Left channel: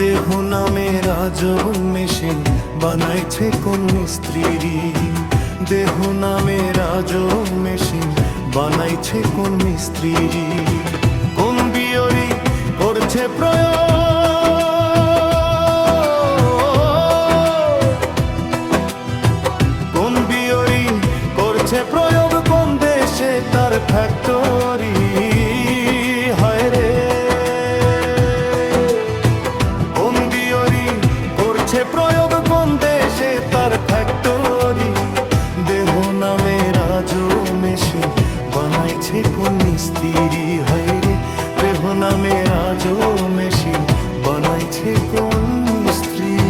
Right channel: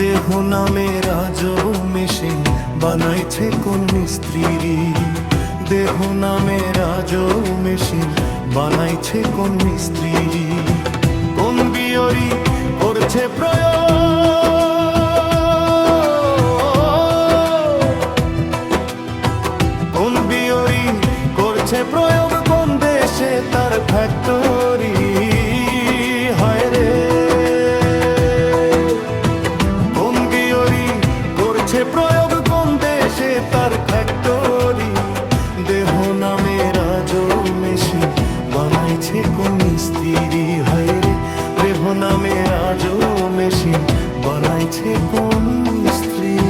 নামে রাজব মেশিন বানাইছে কোন মিস্ত্রি। দেহ নামে রাজব মেশিন বানাইছে কোন মিস্ত্রি। কোন বিয়রি করছে প্রয়োগ? কোন বিয়রি করছে প্রয়োগ? কোন দেশে তার ফ্যাক্টরি হায় রে করছে প্রয়োগ কোন দেশে তার ফ্যাক্টরি দেহ নামে রাজো মেশিন বানাইছে কোন মিস্ত্রি, হায় রে, দেহ নামে রাজো মেশিন বানাইছে কোন মিস্ত্রি।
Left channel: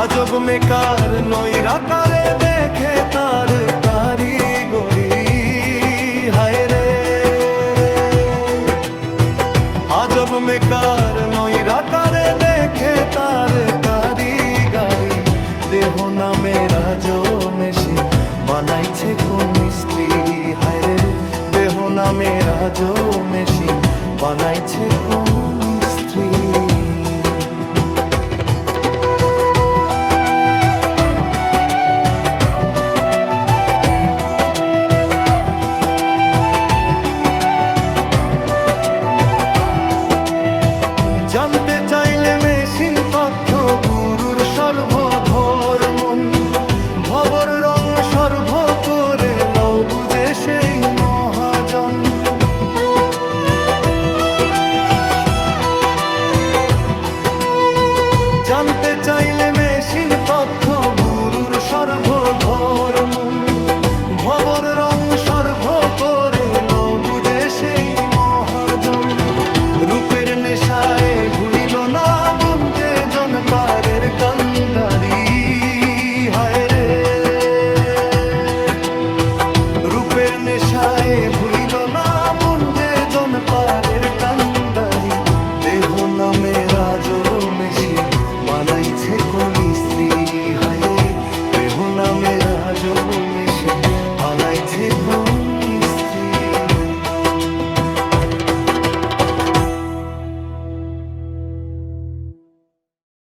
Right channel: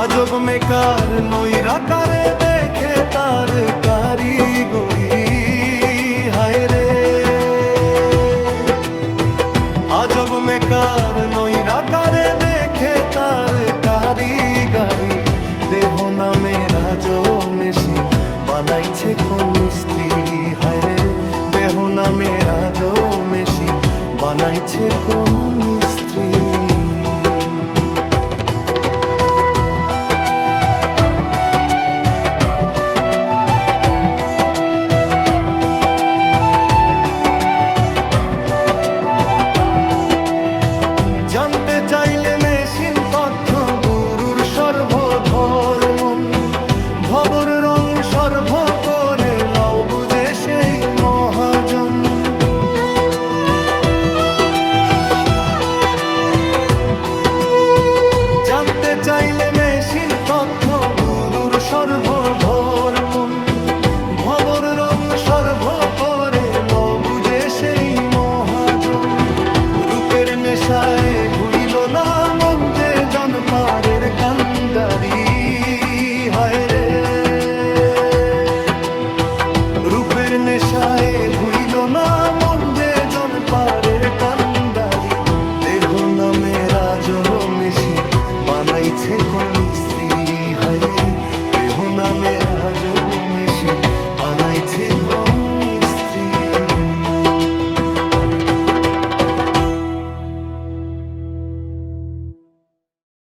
আজব মেকার নৈরাকারে দেখে তার কারিগরি। হায় রে। আজব মেকার নৈরাকারে দেখে তার কারিগরি। দেহ নামে রাজ মেশিন বানাইছে কোন মিস্ত্রি। হায় রে, দেহ নামে রাজ মেশিন বানাইছে কোন মিস্ত্রি। জানতে চাইলে মেশিন তথ্য, গুরুর সর্বধর্ম ভবর রং সর্ব করে লও বুঝে সেই মহাজন। জানতে চাইলে মেশিন তথ্য, গুরুর সর্বধর্ম ভবর রং সর্ব করে লো বুঝে সেই মহাজন। রূপের নেশায় ভুইল না মন যে জন পারের কান্দারি হায় রে। রূপের নেশায় ভুইল না মন যে জন পারের কান্দারি দেহ নামে রাজব মেশি বানাইছে কোন মিস্ত্রি। হায়রি দেহ নামে রাজব মেশি বানাইছে কোন মিস্ত্রি।